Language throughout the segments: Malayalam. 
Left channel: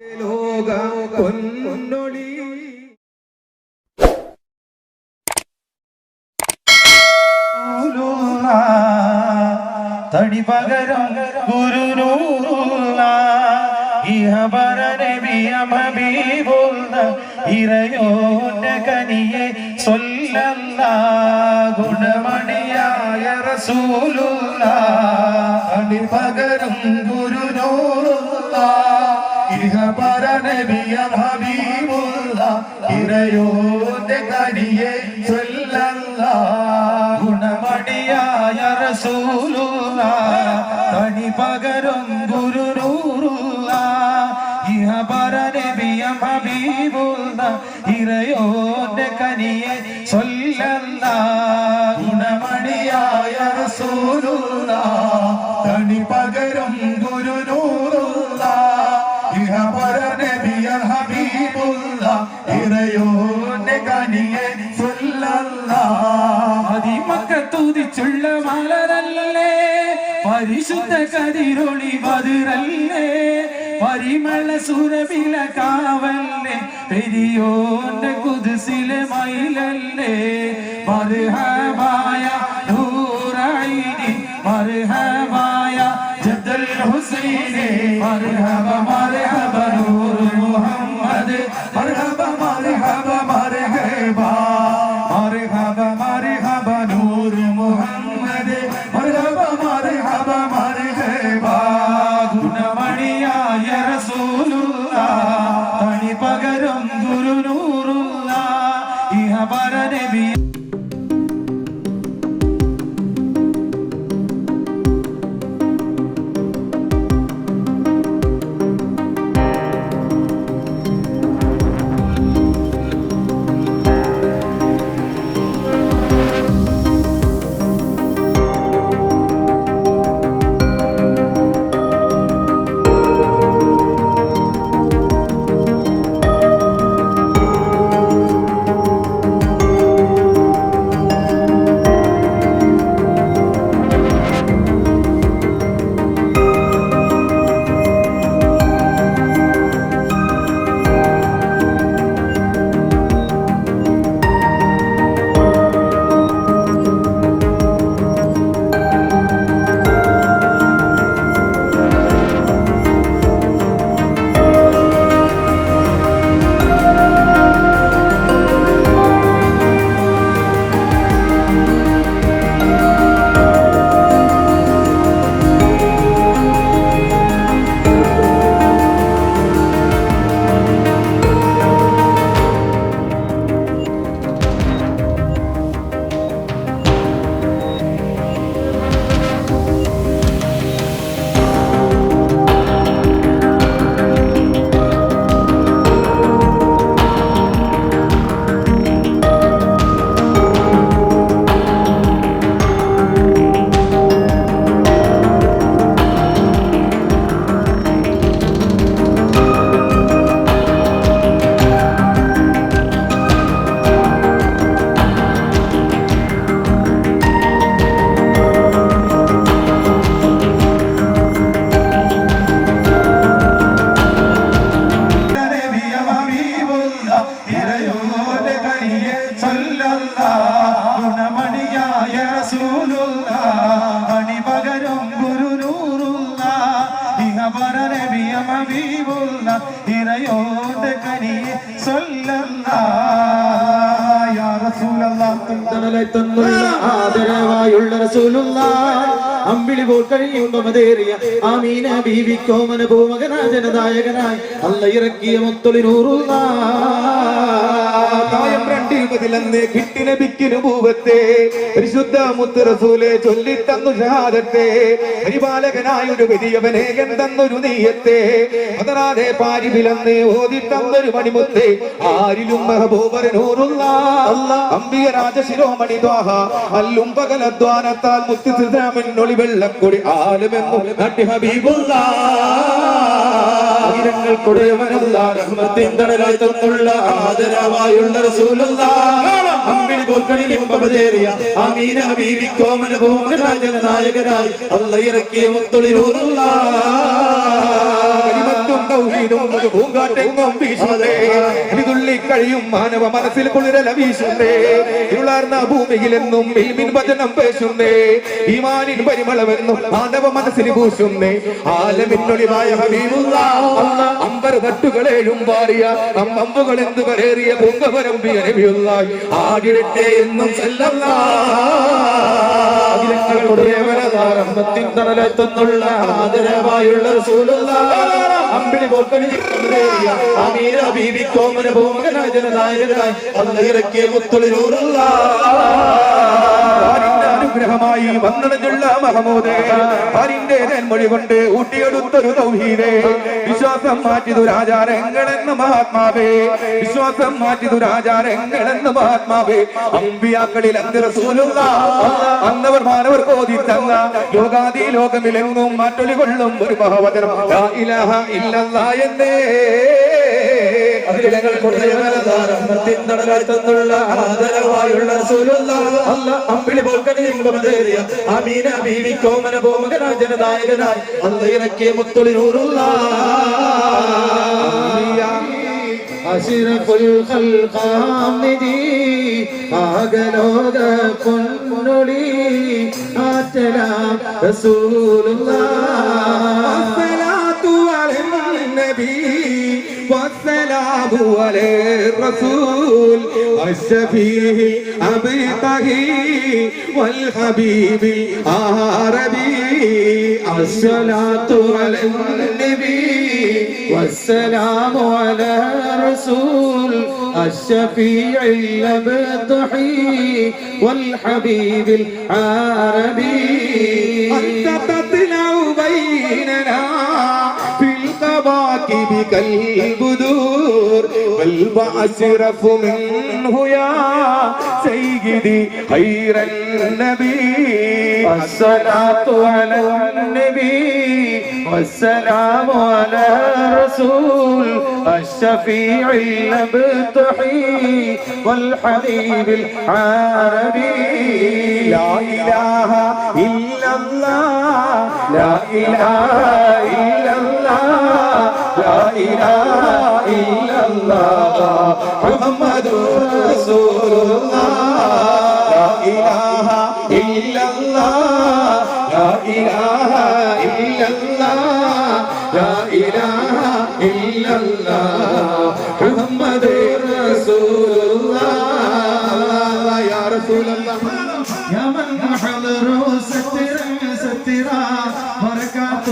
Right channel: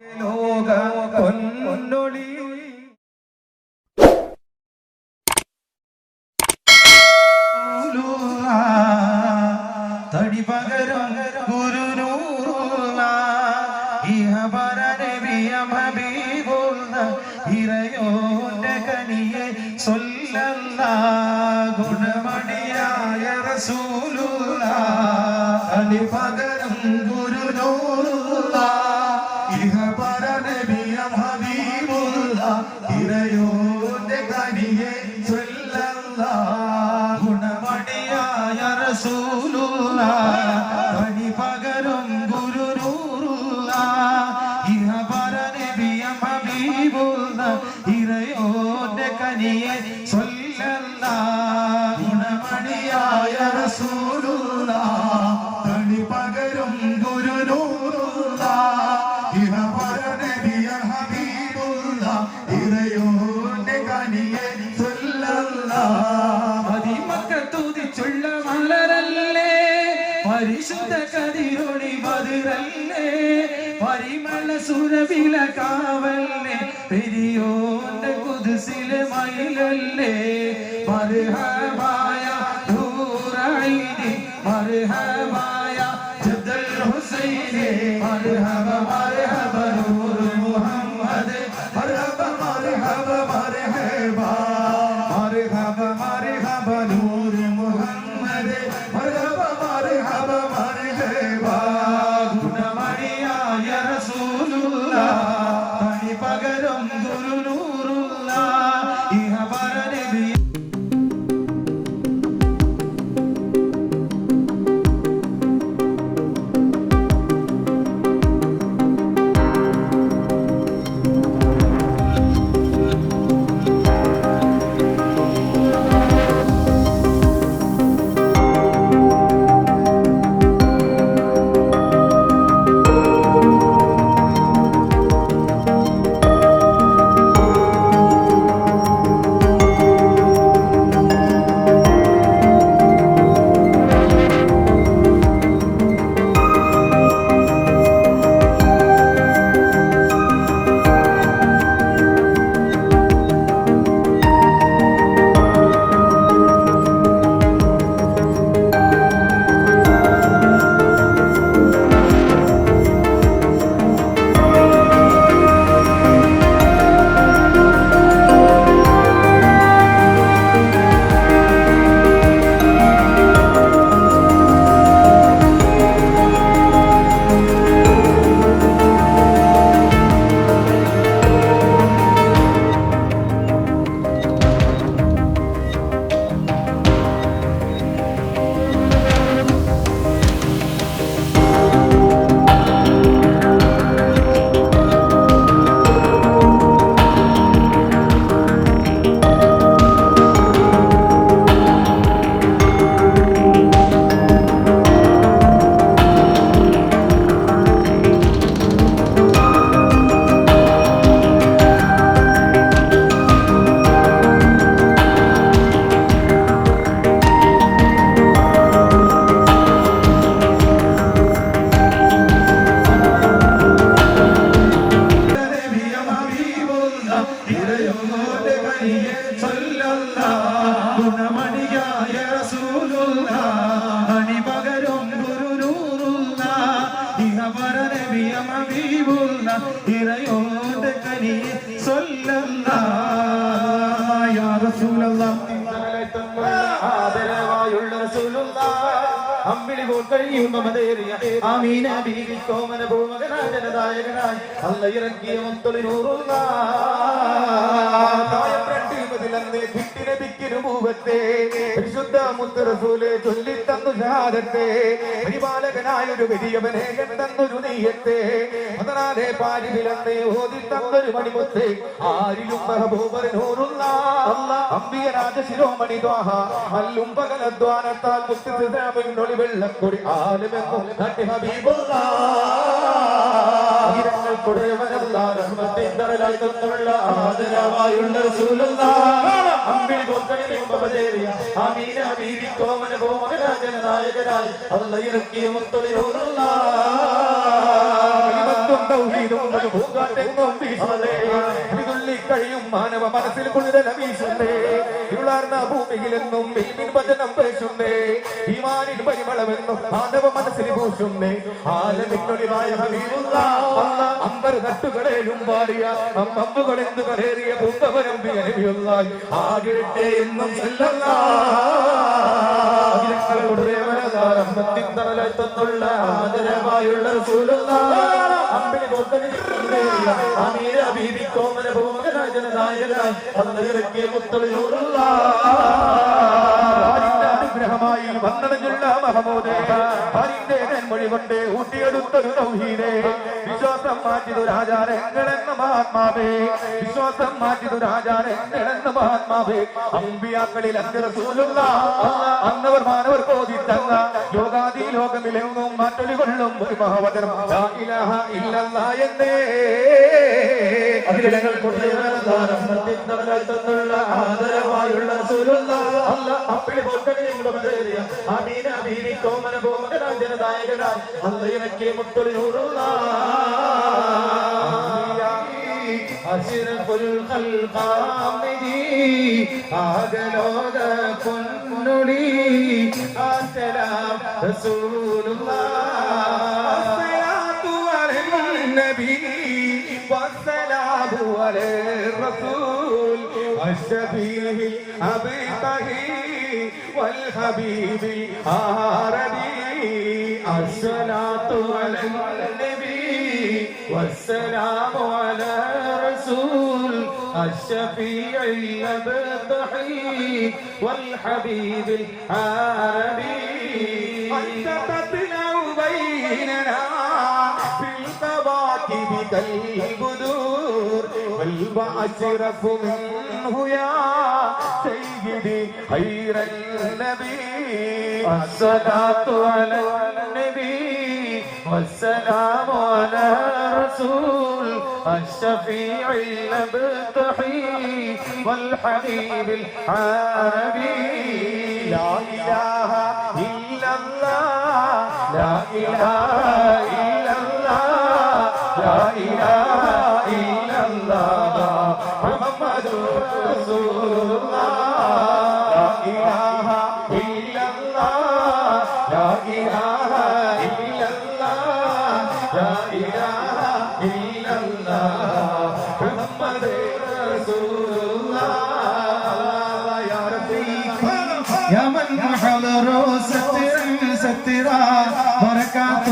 ലോക പൊന്നൊളി തടി പകരം ഗുരുനൂറുള്ള ഇഹബര നബിയ ഹബീബുള്ള ഇറയോന്റെ കനിയെ സ്വല്ലല്ലാഹു ഗുണമണിയായ റസൂലുള്ള തടി പകരം ഗുരുനൂറുള്ള ഇഹബര നബിയ ഹബീബുള്ള ഇറയോന്റെ കനിയെ സ്വല്ലല്ലാഹു ഗുണമണിയായ റസൂലുള്ള തടി പകരം ഗുരുനൂറുള്ള ഇഹബര നബിയ ഹബീബുള്ള ഇറയോന്റെ കനിയെ സ്വല്ലല്ലാഹു ഗുണമണിയായ റസൂലുള്ള തടി പകരം ഗുരുനൂറുള്ള ഇഹബര നബിയ ഹബീബുള്ള ഇറയോന്റെ കനിയെ സ്വല്ലല്ലാഹു മക്കത്തുദിച്ചുള്ള മലരല്ലേ പരിശുദ്ധ കതിരൊളി ബദറല്ലേ പരിമള സുരവില കാവല്ലേ പെരിയോന്റെ കുദ്സിലെ മയിലല്ലേ മർഹബായ നൂറൈനി മർഹബായ ജദ്ദൽ ഹുസൈനി മർഹബ മർഹബ നൂർ മുഹമ്മദ് മർഹബ മർഹബ മർഹബ മർഹബ മർഹബ നൂർ മുഹമ്മദ് മർഹബ മർഹബ മർഹബ ഗുണമണിയായ റസൂലുള്ള തനി പകരം ഗുരുനൂറുള്ള ഇഹബര നബി ആദരവായുള്ള റസൂലുള്ള അമ്പിളി പോക്കഴിയും മമതേറിയ ആമീന ബീവി കോമന ഭൂമകനാജനദായകനായി അല്ല ഇറക്കിയ മുത്തൊളി നൂറുള്ള കിട്ടിലഭിക്കുപൂവത്തെ പരിശുദ്ധ മുത്ത് റസൂലെ ചൊല്ലിത്തന്നു ഷഹാദത്തെ പരിപാലകനായ ഒരു വലിയവനെ എന്തെന്നൊരു നീയത്തെ അതറാതെ പാരിബിലന്ന് ഓതിത്തന്നൊരു മണിമുത്തെ ആരിലും മെഹബൂബരനൂറുള്ള അംബിക രാജശിരോമണി ദ്വാഹ അല്ലും പകലദ്വാനത്താൽ മുത്തുസിദ്ധാമിന്നൊളി വെള്ളക്കൊടി ആലുമെന്നു നട്ടി ഹബീബുള്ള ആദരവായുള്ള റസൂലുള്ള അമ്പിളി പോക്കണിയും മമതേറിയ ആമീന ബീവി കോമന ഭൂമകനാജനനായകനായി അല്ല ഇറക്കിയ മുത്തൊളി നൂറുള്ള തൗഹീദും പൂങ്കാറ്റെങ്ങും വീശുന്നേ തുള്ളി കഴിയും മാനവ മനസ്സിൽ കുളിരല വീശുന്നേ ഇരുളാർന്ന ഭൂമിയിലെന്നും ഇൽമിൻ വചനം പേശുന്നേ ഈമാനിൻ പരിമളമെന്നും മാനവ മനസ്സിൽ പൂശുന്നേ ആലമിന്നൊളിവായ ഹബീബുല്ലാഹ് അമ്പർ തട്ടുകളേഴും പാറിയ അമ്പുകൾ എന്തു കരേറിയ പൊങ്കപരമ്പിയ നബിയുള്ളാഹി ആകിടട്ടെ എന്നും ത്തിനുള്ള ആദരവായുള്ള അമ്പിളി പോക്കണി അമീന ബീവി കോമന ഭൂമകനാജനായകനായി അന്നയിറക്കിയ മുത്തൊളിരൂറുള്ള അനുഗ്രഹമായി വന്നിട്ടുള്ള മഹമൂദേ ഹരിന്റെ മൊഴി കൊണ്ട് ഊട്ടിയെടുത്തൊരു തൗഹീദേ വിശ്വാസം മാറ്റി ദുരാചാരങ്ങളെന്ന് മഹാത്മാവേ വിശ്വാസം മാറ്റി ദുരാചാരങ്ങളെന്ന് മഹാത്മാവേ അമ്പിയാക്കളിൽ അന്ത്യ റസൂലുള്ളാഹ് അന്നവർ മാനവർ കോതി തന്ന ലോകാദി ലോകമിലെങ്ങും മാറ്റൊലി കൊള്ളും ഒരു മഹാവചനം ലാ ഇലാഹ ഇല്ലല്ലാഹ് എന്നേ ത്തിനുള്ള ആദരവായുള്ള അമ്പിളി പോൽക്കണിയ അമീന ബീവി കോമന ഭൂമകനാജനനായകനായി അന്നയിറക്കിയ മുത്തൊളിരൂറുള്ള അശിറഫുൽ ഖൽഖാമിദി ആകലോക പൊന്നൊളി ആറ്റലാം റസൂലുള്ളാഹ് അസ്സലാത്തു അലൻ നബി والسلام على الرسول الشفيع أبقه والحبيب العربي الصلاة على النبي والسلام على الرسول الشفيع الأبقي والحبيب العربي أنت تطلع بيننا كالبدور بل أشرف منه يا سيدي خير النبي الصلاة على النبي والسلام على الرسول الشفيع الأبطحي والحبيب العربي لا إله إلا الله لا إله إلا الله لا إله إلا الله محمد رسول الله لا إله إلا الله لا إله إلا الله لا إله إلا الله محمد رسول الله يا رسول الله يا من حضر سترا سترا بركات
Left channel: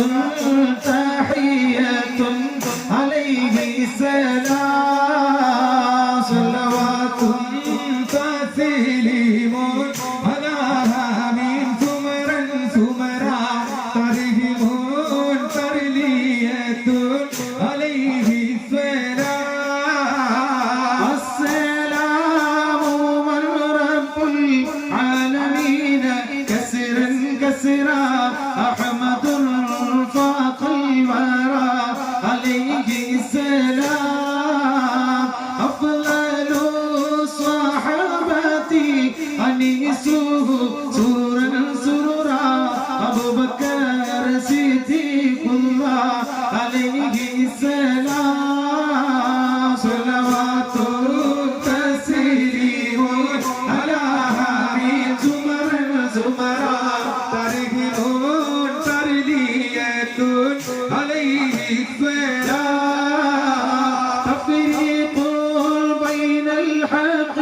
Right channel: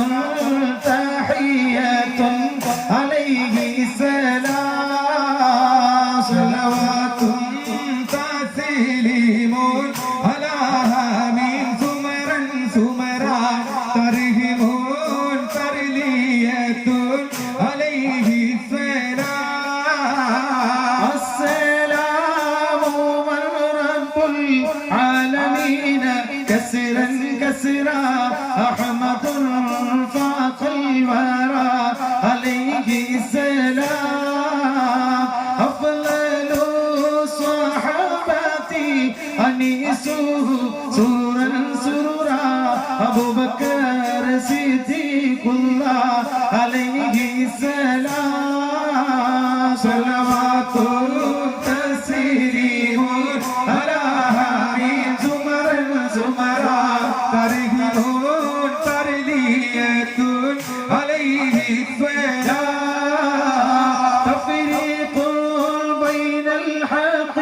تحية عليه السلام صلوات تسليم على من سمرا سمرا ترهم ترلية عليه السلام السلام من رب العالمين كسرا كسرا أحمد فاق الورى عليه السلام أفضل صحابتي أنيسه سرورا سرورا أبو بكر صديق الله عليه السلام صلوات تسليم على من زمرا زمرا ترهم ترلية عليه السلام تفريق بين الحق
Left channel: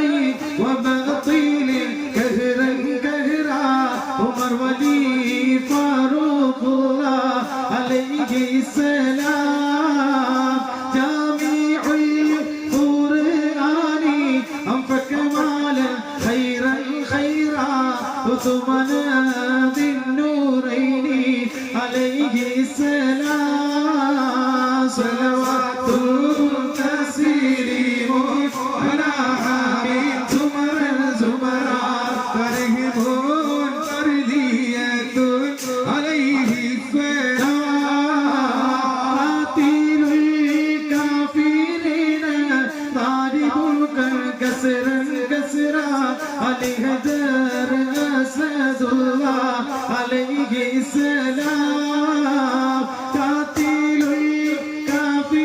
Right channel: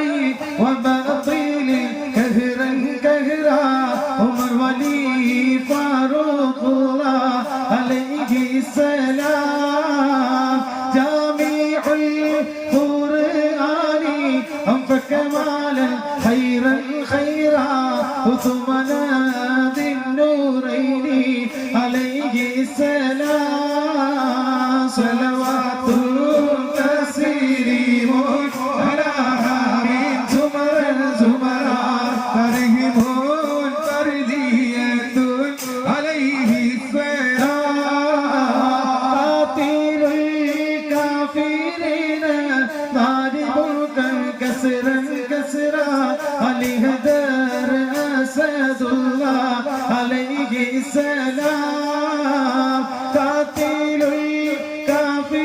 وباطل كهرا كهرا عمر ولي فاروق الله عليه السلام جامع القرآن أنفق مالا خيرا خيرا وثمنا ذي النورين عليه السلام صلوات تسليم على حبيب زمرا زمرا ترهم ترلية عليه السلام قاتل الكافرين ضاربك كسرا كسرا ولهدر أسد الله عليه السلام قاتل الكافرين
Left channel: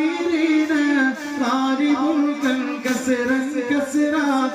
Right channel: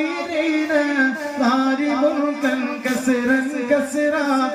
كسرا كسرا